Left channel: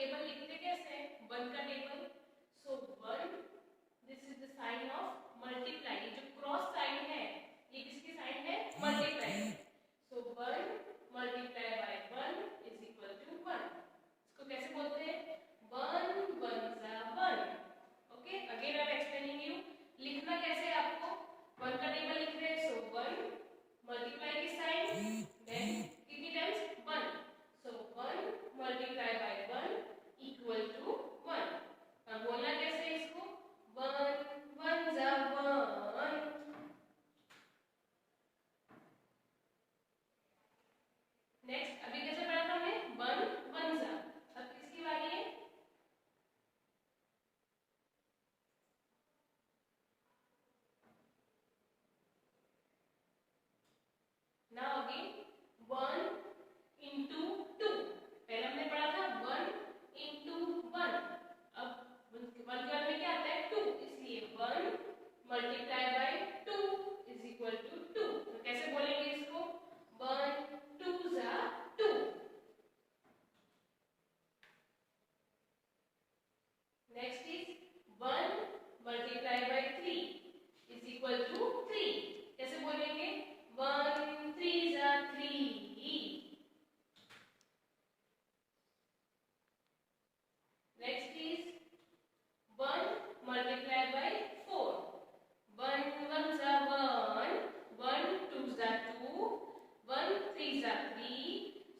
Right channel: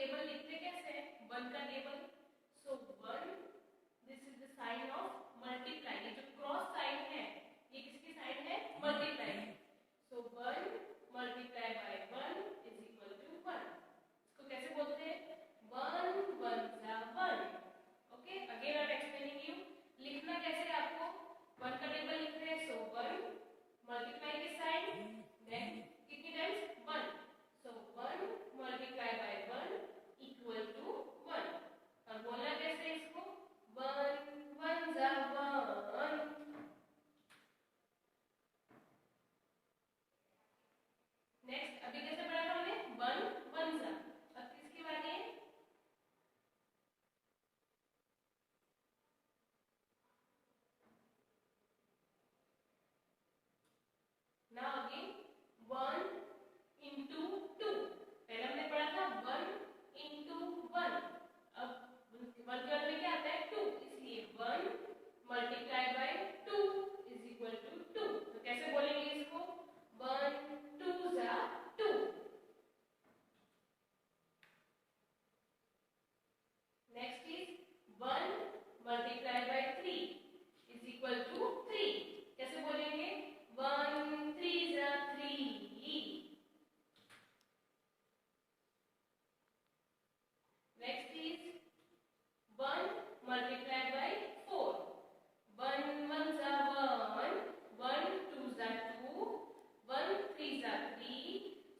Table लिखते कैसे हैं? 1 का table, so 1, this is the sign of multiply. ये जो क्रॉस साइन है ये किसकी साइन है? Multiply. So 1 multiply by 1 is equal to 1। इसको कैसे बोलते हैं? 1 1 जा 1। Okay, again I am explaining you. लिखना कैसे है आपको? 1 का टेबल लिख रहे हैं, सो 1 मल्टीप्लाई की साइन, देन कितनी times? 1। So 1 multiply by 1 equal to 1। अब बोलना कैसे इसको? 1 1 जा 1। नेक्स्ट अभी कैसे पढ़ा था हमने? 1 1 जा। अब किसकी बारी है? Now again 1 into 2। पहले हमने पढ़ा था 1 into 1। अब 1 के बाद में क्या आता है? 2, इसलिए 1 multiply by 2 is equal to 2। तो कैसे बोलेंगे इसको? 1 2 जा 2। Next is 1 multiply by 3 is equal to 3। कैसे बोलेंगे? 1 3 जा 3। Next is 1 multiply by 4। 1 1 जा 1, 1 2 जा 2, 1 3 जा 3।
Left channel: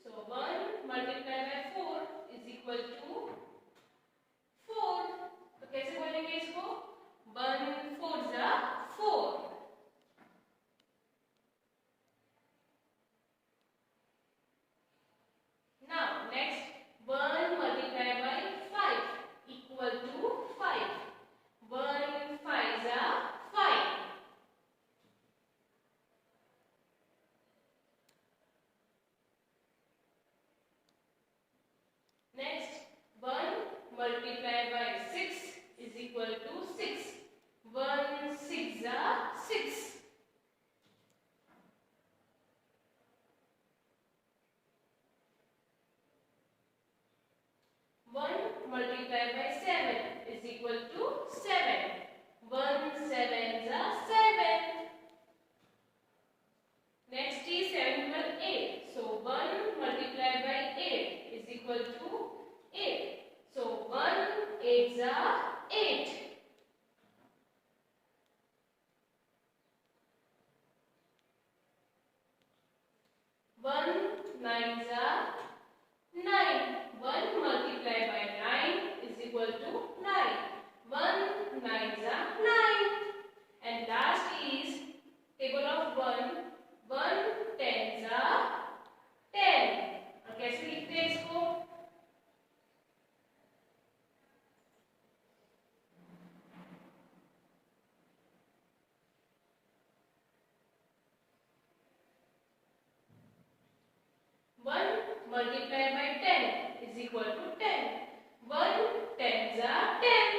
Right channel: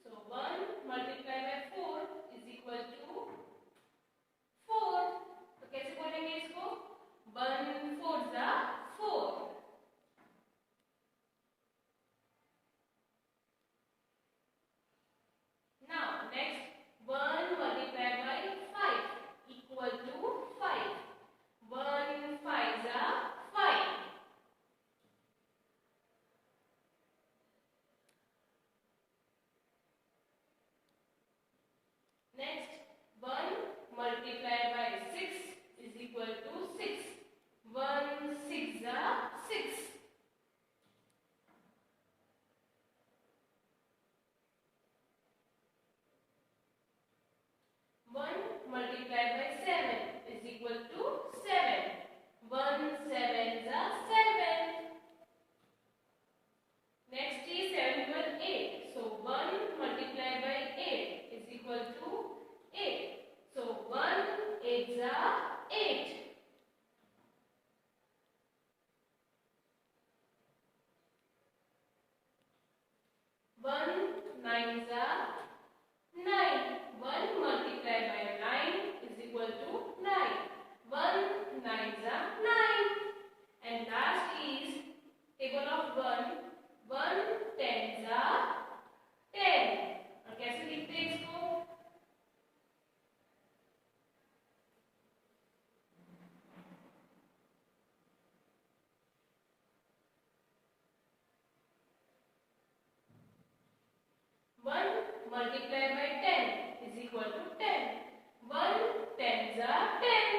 So 1 multiply by 4 is equal to 4। तो कैसे बोलेंगे इसको? 1 4 जा 4। Now next 1 multiplied by 5 equal to 5. 1 5 जा 5. Next 1 multiplied by 6 is equal to 6. 1 6 जा 6. Multiplied by 7 is equal to 7. 1 7 जा 7. Next is 7 1 8. So 1 multiplied by 8 is equal to 8. So 1 8 जा 8. One 9 जा 9. 1 multiplied by 9 is equal to 9. 1 9 जा 9. And last is table of 1. 1 10 जा 10. और कैसे लिखते हैं इसको? Multiplied by 10 is equal to 10. 1 10 जा 10.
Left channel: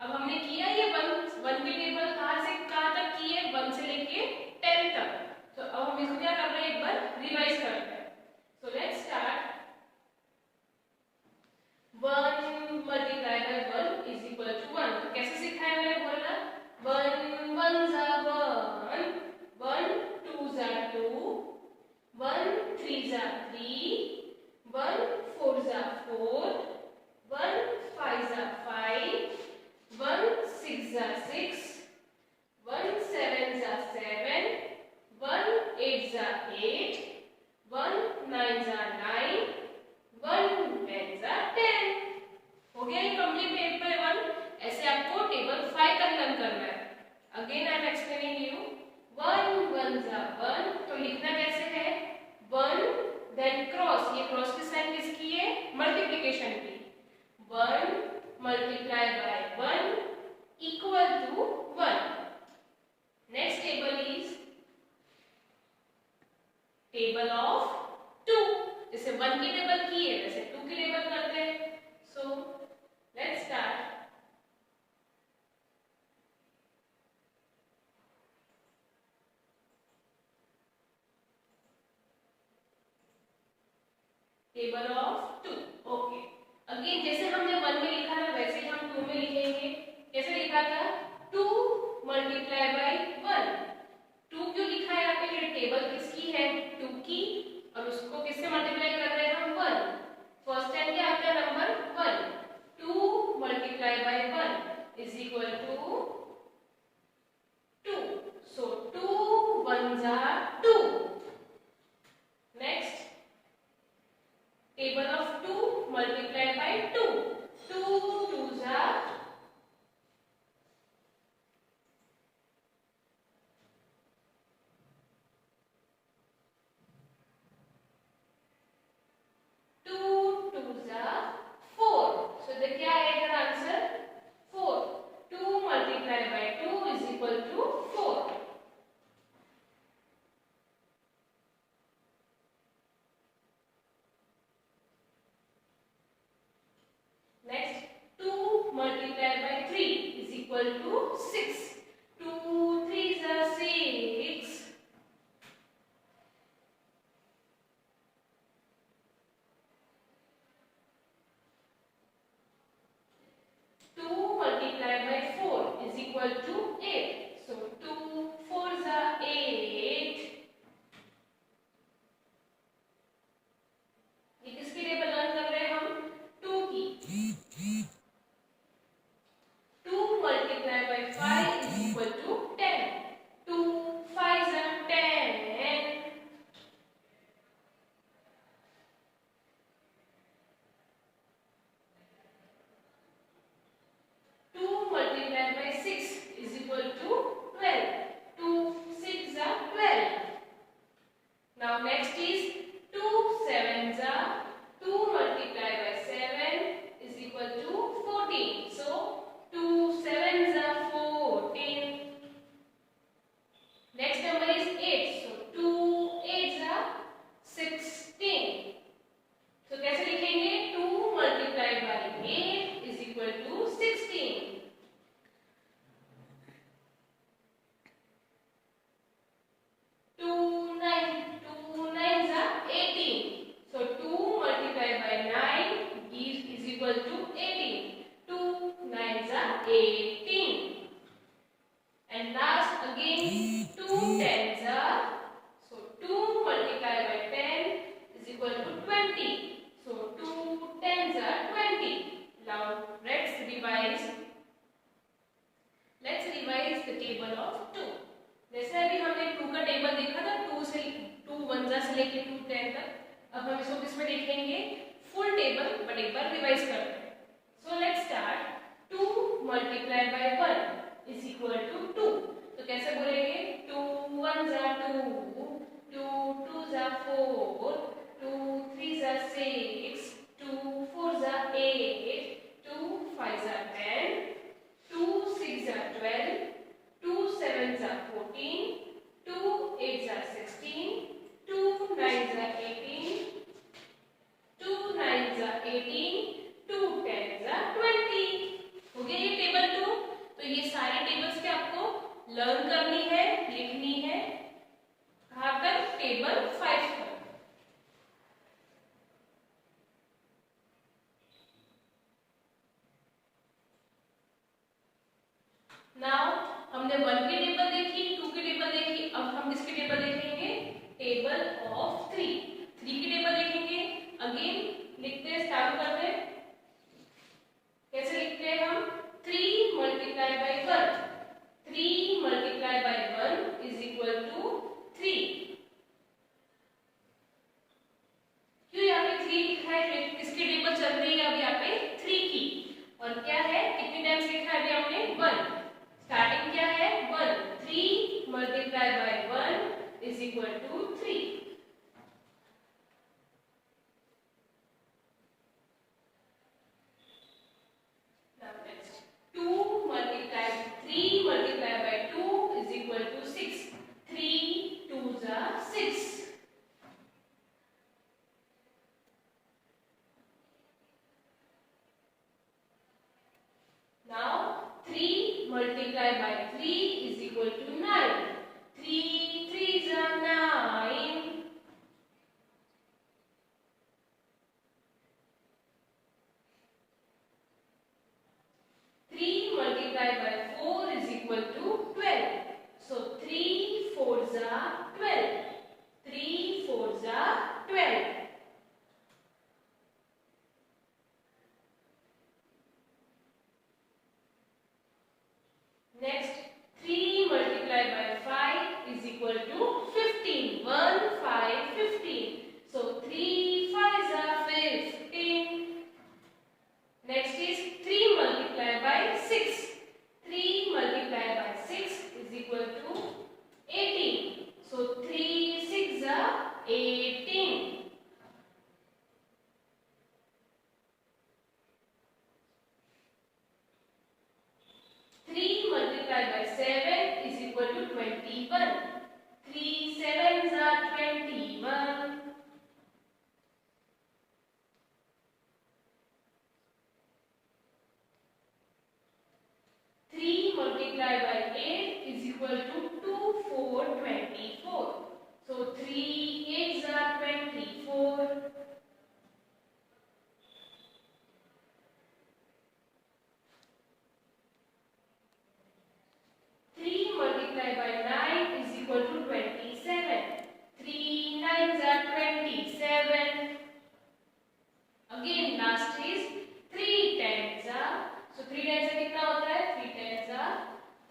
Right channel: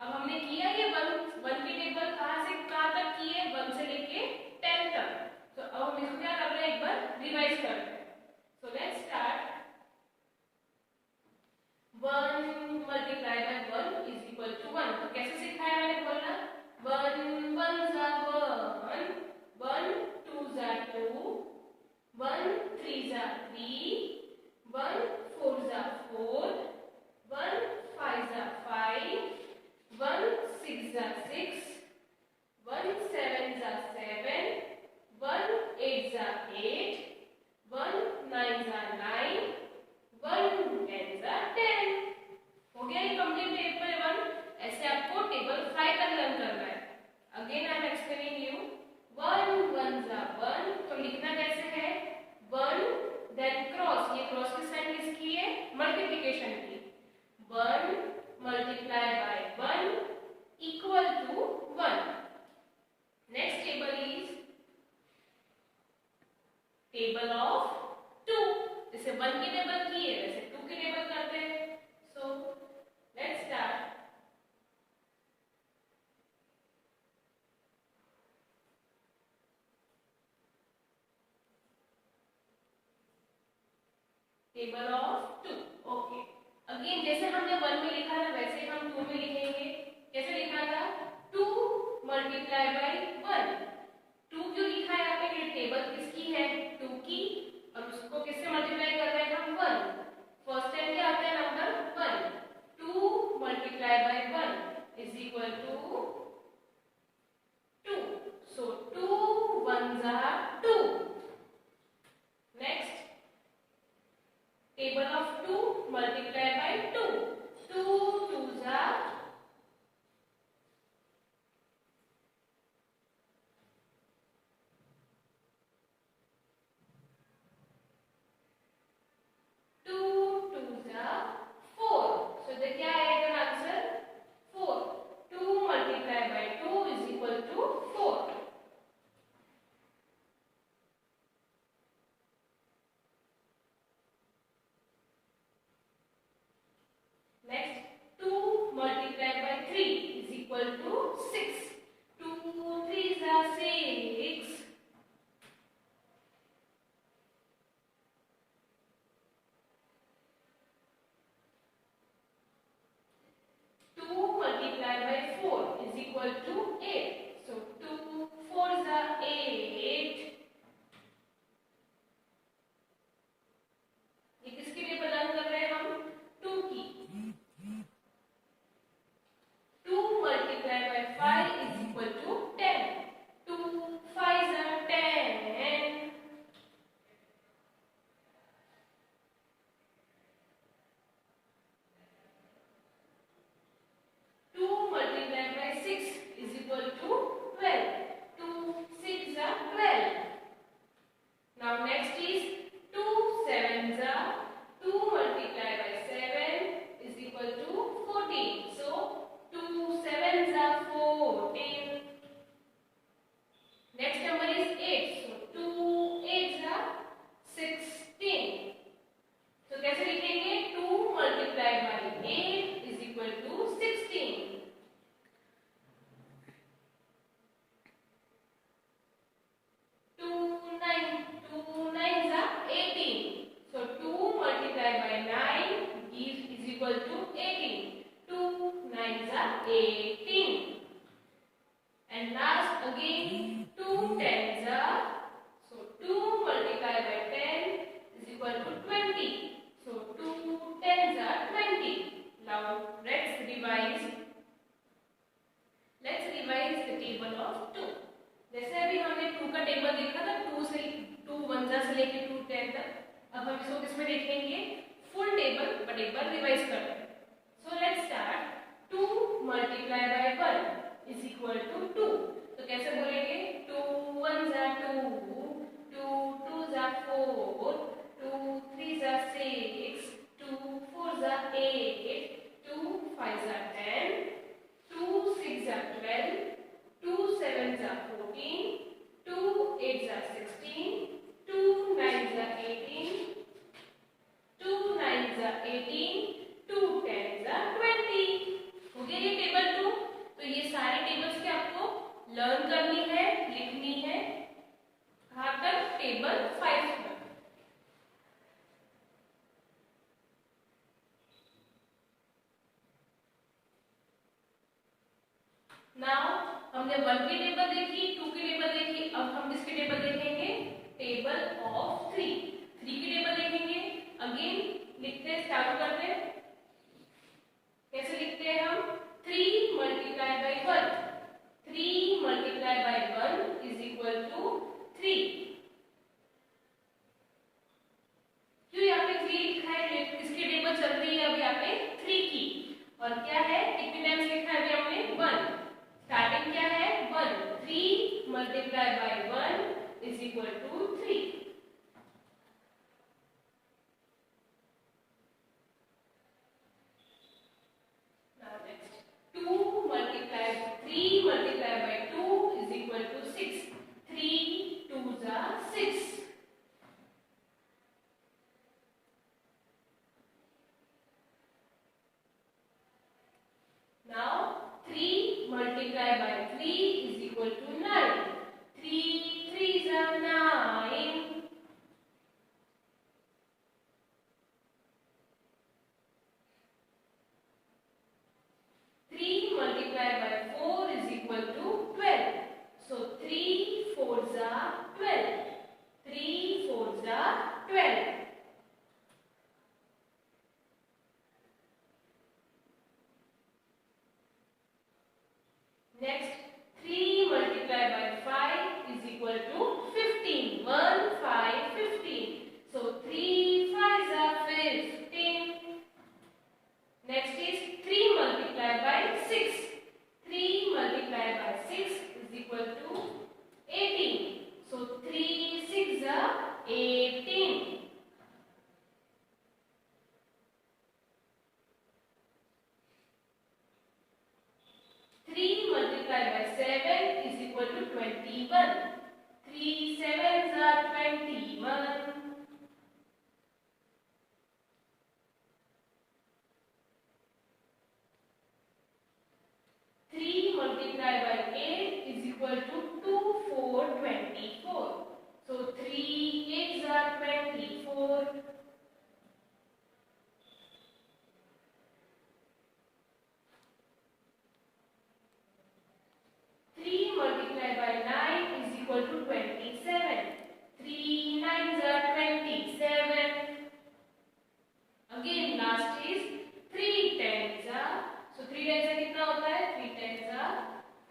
अब हमने किया ये 1 की टेबल कहाँ से कहाँ तक की है? 1 से लेके 10 तक। तो अब हम इसको क्या कर रहे हैं? एक बार रिवाइज कर रहे हैं। So let's start. 1 multiplied by 1 is equal to 1। तो कैसे सिखाया मैंने बोलना? 1 1 जा 1, 1 2 जा 2, 1 3 जा 3, 1 4 जा 4, 1 5 जा 5, 1 6 जा 6, 1 7 जा 7, 1 8 जा 8, 1 9 जा 9, 1 10 जा 10। हो गया ये कंप्लीट टेबल 1। ऐसे आपको टेबल 5 तक लर्न करना है। Again I am explaining you. 1 1 जा 1। तो लिखना कैसे है? 1 देन क्रॉस। ये क्रॉस की साइन किसकी है? मल्टीप्लिकेशन की। 1 multiply by 1 equal to 1। Next table is table of 2। जैसे 1 की टेबल की है वैसे 2 की टेबल करते हैं। So let's start. Table of 2. Okay, again जैसे हमने 1 में लिखा था वैसे ही हम 2 में लिखेंगे। कैसे लिखा था? 2 मल्टीप्लाई बाय 1। 2 क्यों लिखा है यहाँ पे? क्योंकि टेबल किसकी है? 2 की, और उसको किससे मल्टीप्लाई कर रहे हैं हम? 1। फर्स्ट टाइम क्या आता है? Number 1। 2 multiply by 1 is equal to 2। So 2 1s are 2। Next, table of 2 multiplied by 2. 2 2s are 4. So the क्या आएगा answer? 4। 2 multiplied by 2 is equal to 4. Next, 2 multiplied by 3 is equal to 6. 2 3s are 6. Equal to 8. So 2 4s are 8. ये किसके लिए learn कर रहे हैं हम? 2 की। 2 multiplied by 5 is equal to 10. 2 5s are 10. 2 multiplied by 6 is equal to 12. 2 6s are 12. Now next is 2 7s are 2 multiplied by 7 is equal to 14. So 2 7s are 14. Next number is 8. So 2 8s are 16. So कैसे लिखेंगे? 2 multiplied by 8 is equal to 16. 2 9s are 18. So 2 multiplied by 9 is equal to 18. 2 9s are 18. And last again 2 10s are, so 2 multiplied by 10 is equal to 20. So 2 10s are 20. Now let's revise the table of 2. जैसे अभी हमने 2 का table देखा था, 2 1 से लेके 2 10 तक। अब हम इसको किसमें देखेंगे? फुल टेबल, बट एक बार रिवाइज करते हैं। So let's start. 2 multiply by 1 is equal to 2। तो कैसे बोलेंगे? 2 1s are 2, 2 2s are 4, 2 3s are 6, 2 4s are 8, 2 5s are 10, 2 6s are 12, 2 7s are 14, 2 8s are 16, 2 9s are 18, 2 9s are 18, 2 10s are 20। हो गया ये table 2। तो ये सारे tables के आपको लर्न करनी है, लिखनी है। कहाँ तक? टेबल 5 तक। नाउ हमने 1 की टेबल देखी, 2 की टेबल देखी। अब हम किसकी टेबल देखेंगे? Table of 3। 3 की टेबल देखेंगे। अगेन लिखते हैं, स्टार्ट करते हैं। कैसे लिखते हैं हम? 3 multiply by 1। 3 multiply by 1 is equal to 3। क्यों यहाँ पे 3 लिखा है? किसकी टेबल चल रही है अभी यहाँ पे? 3 की। और क्या है? कितने टाइम्स लिखा है अभी हमने? 1। स्टार्टिंग क्या है? 1। 3 multiply by 1 is equal to 3। Now next, 2 multiplied 3 multiplied by 2 is equal to 6. 3 2s are 6. Now 3 multiplied by 3 is equal to 9. 3 3s are 9. multiply by 8 is equal to 2, 4, 24. So 3 8s are 24. 3 multiplied by 9 is equal to 27. 3 9s are 27. Again last is 3 10s are. So 3 10s are कितना होता है? 3 10s are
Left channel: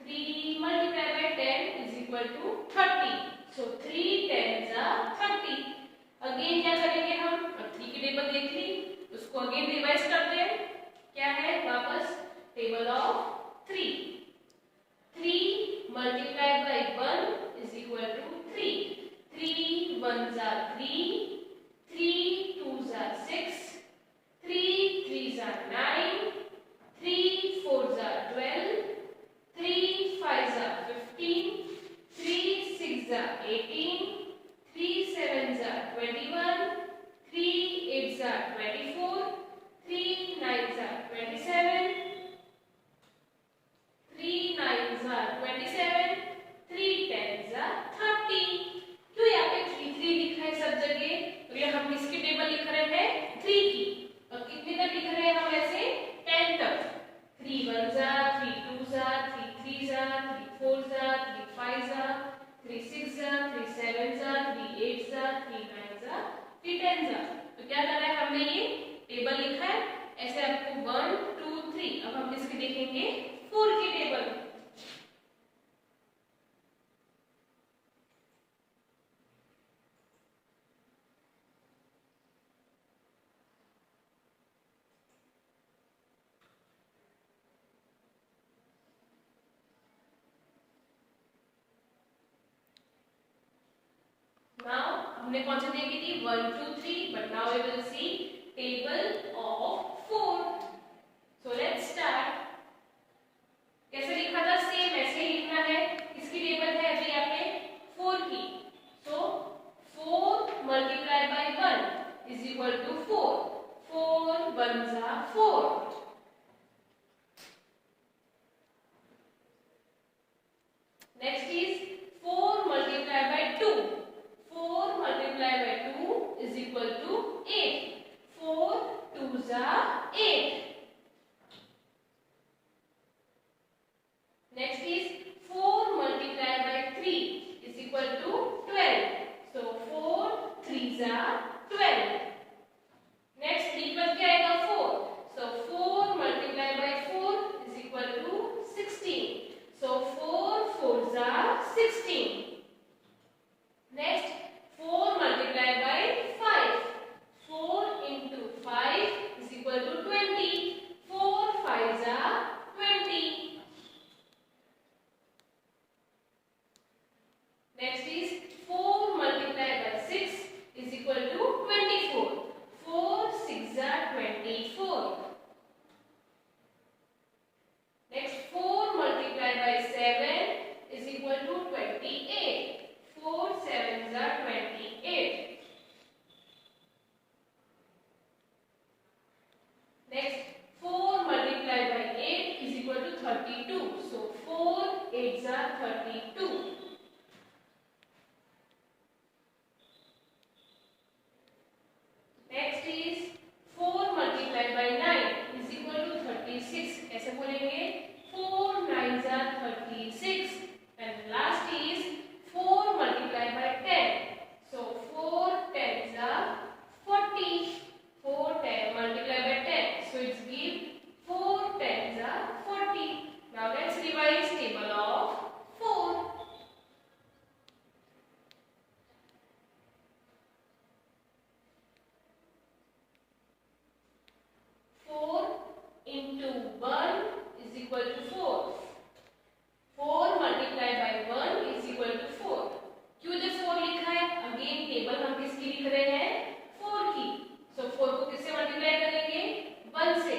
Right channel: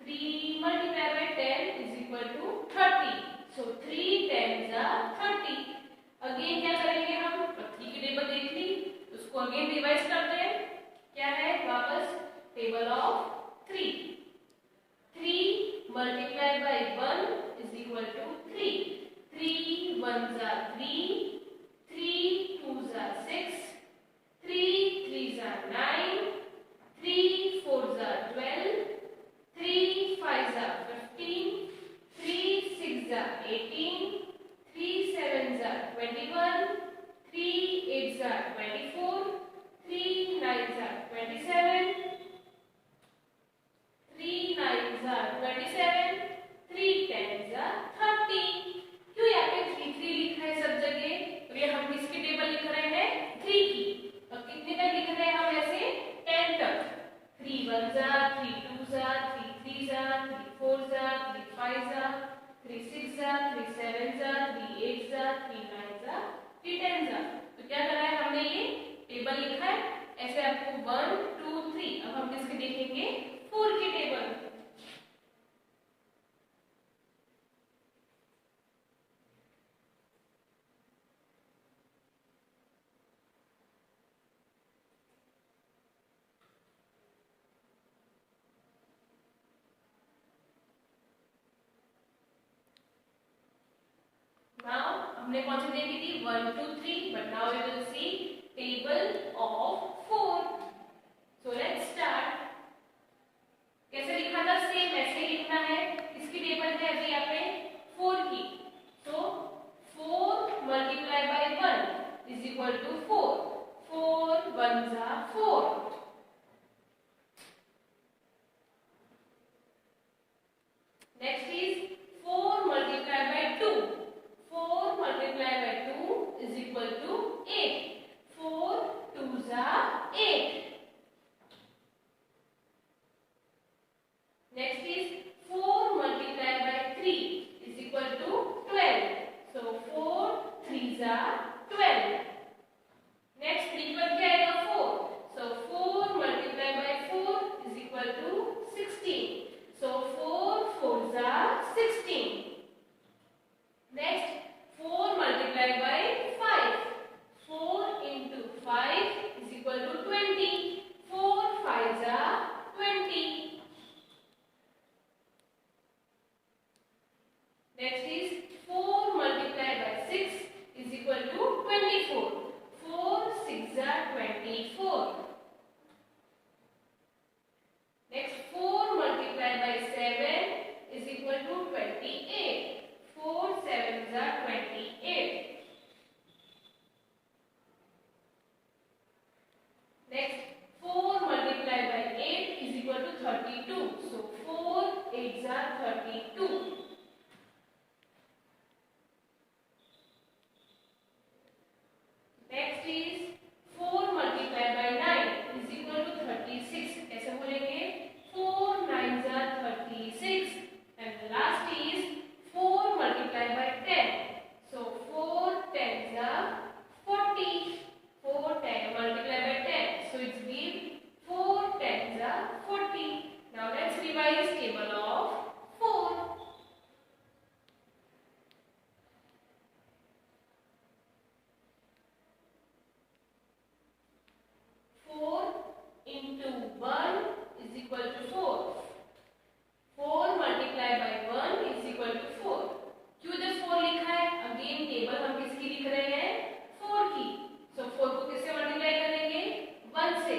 3 multiplied by 10 is equal to 30. So 3 10s are 30. Again क्या करेंगे हम? 3 की table देख ली, उसको again revise करते हैं. क्या है? वापस table of 3. 3 multiplied by 1 is equal to 3. 3 1s are 3. 3 2s are 6. 3 3s are 9. 3 4s are 12. 3 5s are 15. 3 6s are 18. 3 7s are 21. 3 8s are 24. 3 9s are 27. 3 9s are 27. 3 10s are 30. क्यों यहाँ पे 3 3 लिखा है सब जगह? तो ये हम किसकी टेबल लिख रहे हैं? 3 की. और कितने तक लिख रहे हैं हम ऐसे? 10 तक. 3 1s are 3 2s are 3 3s are 3 4s are 3 5s are 3 6s are 3 7s are 3 8s are 3 9s are 3 10s are. तो क्या करना है? हमने ये टेबल लिखा है ऐसे आपको 1 2 3. अब हम किसकी देखेंगे? 4 की टेबल. Now हमने कौन सी देखी थी? 1 2 3. But now we will see table of 4. So let's start. कैसे लिखा था? सेम ऐसे ही लिखना है. इसकी टेबल है अभी यहाँ पे 4 की. So 4 multiplied by 1 is equal to 4. 4 1s are 4. Next is 4 multiplied by 2. 4 multiplied by 2 is equal to 8. 4 2s are 8. Next is 4 multiplied by 3 is equal to 12. So 4 3s are 12. Next 3 पर क्या आएगा? 4. So 4 multiplied by 4 is equal to 16. So 4 4s are 16. Next 4 multiplied by 5. 4 into 5 is equal to 20. 4 5s are 20. Next is 4 multiplied by 6 is equal to 24. 4 6s are 24. Next 4 multiplied by 7 is equal to 28. 4 7s are 28. Next 4 multiplied by 8 is equal to 32. So 4 8s are 32. Next is 4 multiplied by 9 is equal to 36. ऐसे बोलेंगे 4 9s are 36. And last is 4 multiplied by 10. So 4 10s are 40. 4 10 multiplied by 10. So it's give 4 10s are 40. Now let's revise table of 4. 4 into 1 is equal to 4. 4 multiplied by 1 is equal to 4. क्यों इधर 4 लिखा है? Again table हम किसकी लिख रहे हैं? 4 की. So 4 को किससे मल्टीप्लाई करेंगे? 1 से.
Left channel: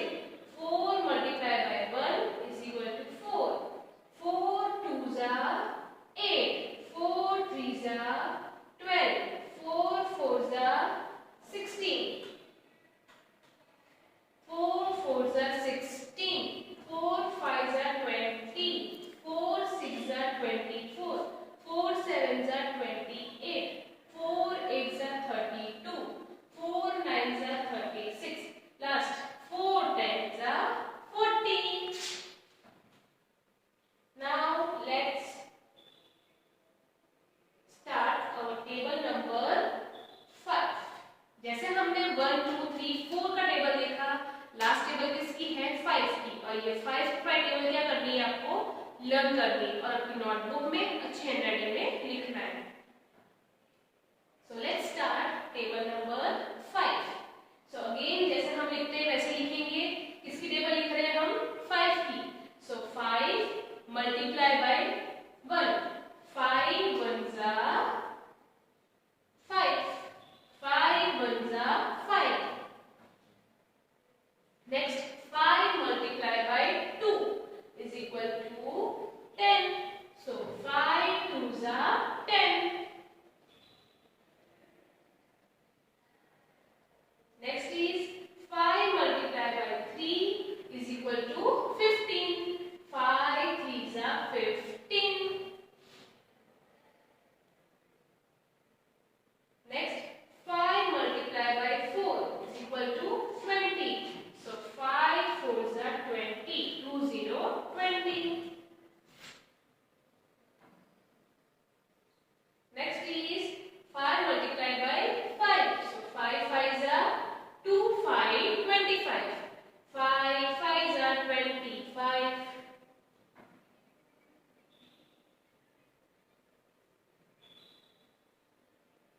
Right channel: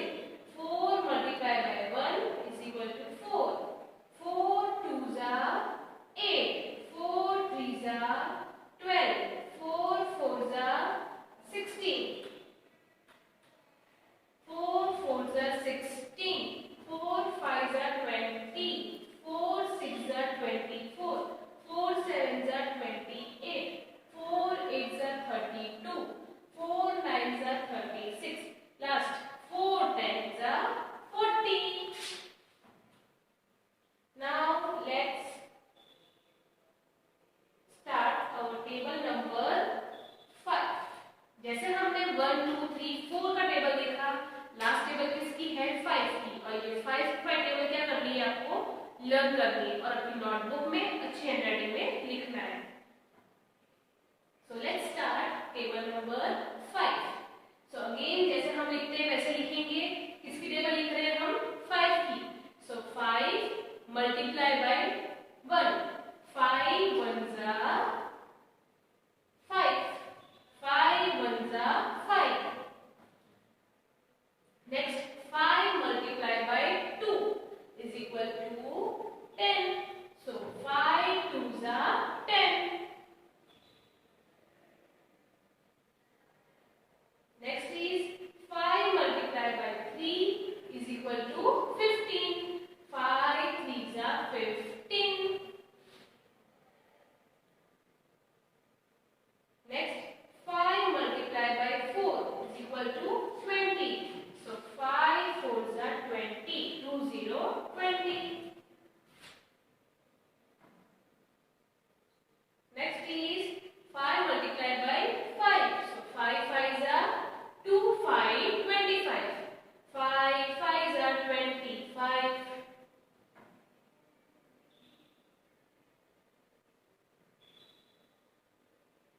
4 multiplied by 1 is equal to 4. 4 2s are 8. 4 3s are 12. 4 4s are 16. 4 4s are 16. 4 5s are 20. 4 number 5। जैसे हमने 1 2 3 4 का टेबल देखा, लास्ट टेबल किसकी है 5 की, और ये 5 टेबल क्या करनी है आपको लर्न करनी है और अपनी नोटबुक में अच्छी हैंडराइटिंग में लिखना है। सो let's start table number 5। So again जैसे हम लिखते हैं वैसे लिखेंगे। किसकी टेबल लिख रहे हैं हम 5 की। सो 5 मल्टीप्लाई बाय 1, 5 1 जा 5, 5 1 जा 5। Next 5 multiply by 2 is equal to 10. So 5 2s are 10. Next is 5 multiplied by 3 is equal to 15. 5 3s are 15. Next 5 multiplied by 4 is equal to 20. So 5 4s are 20. 2 0 20. Next is 5 multiplied by 5. So 5 5s are 2, 5 25. 5 5s are 25.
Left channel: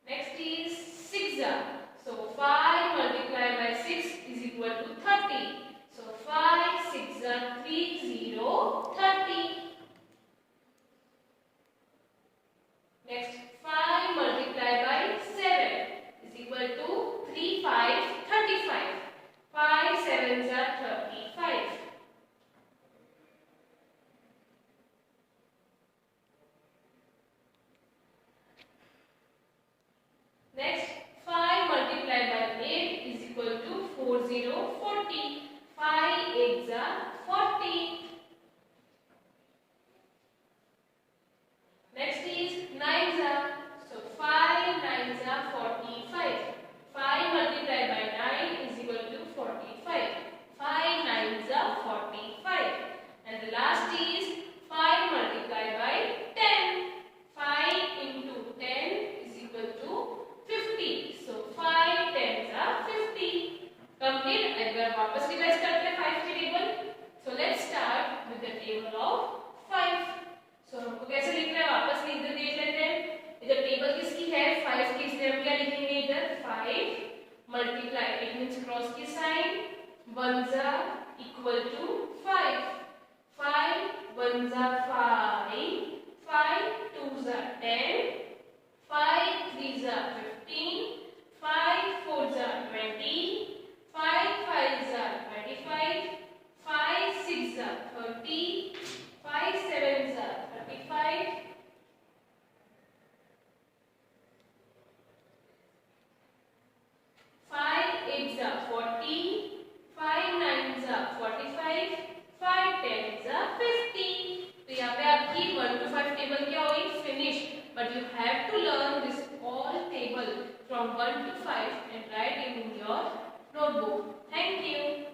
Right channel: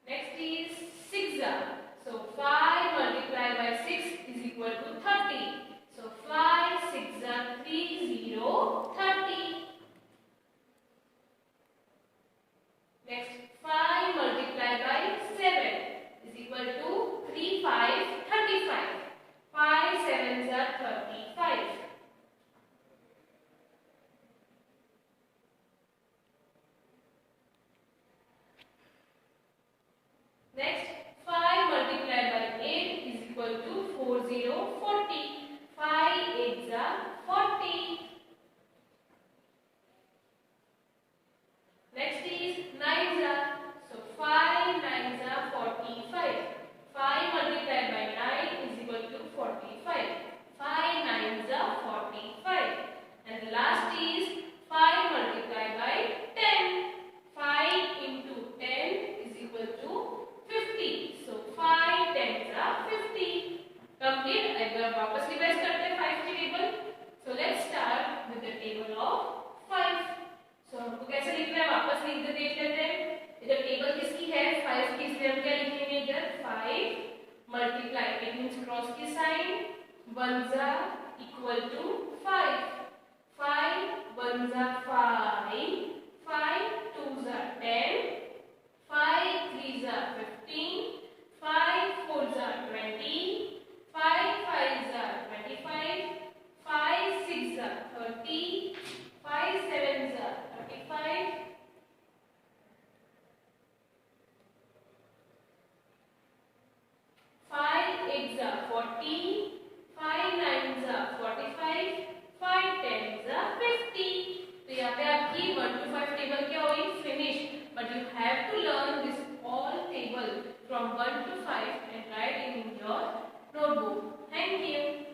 Next is 6. So 5 multiplied by 6 is equal to 30. So 5 6 are 30 30. Next 5 multiplied by 7 is equal to 3 5 35. 5 7s are 35. Next 5 multiplied by 8 is equal to 40 40. 5 8s are 40. Next is 9s. So 5 9s are 45. 5 multiplied by 9 is equal to 45. 5 9s are 45. And the last is 5 multiplied by 10. 5 into 10 is equal to 50. So 5 10s are 50. Complete. एक बार वापस revise करते हैं 5 की table. So let's start with the table of 5. So हमको कैसे लिखना है वापस लिख देख लेते हैं। इधर टेबल किसकी है 5 की, इसलिए हम क्या लिखेंगे इधर 5 मल्टीप्लाई, इट मींस क्रॉस की sign, 1s are equal to 5, 5 1s are 5, 5 2s are 10, 5 3s are 15, 5 4s are 20, 5 5s are 25, 5 6s are 30, 5 7s are 35, 5 8s are 40, 5 9s are 45, 5 10s are 50. तो यहाँ पे आपकी 1 to 5 टेबल क्या हुई finish, but you have to learn this all table from 1 to 5 and write it in your notebook. Thank you.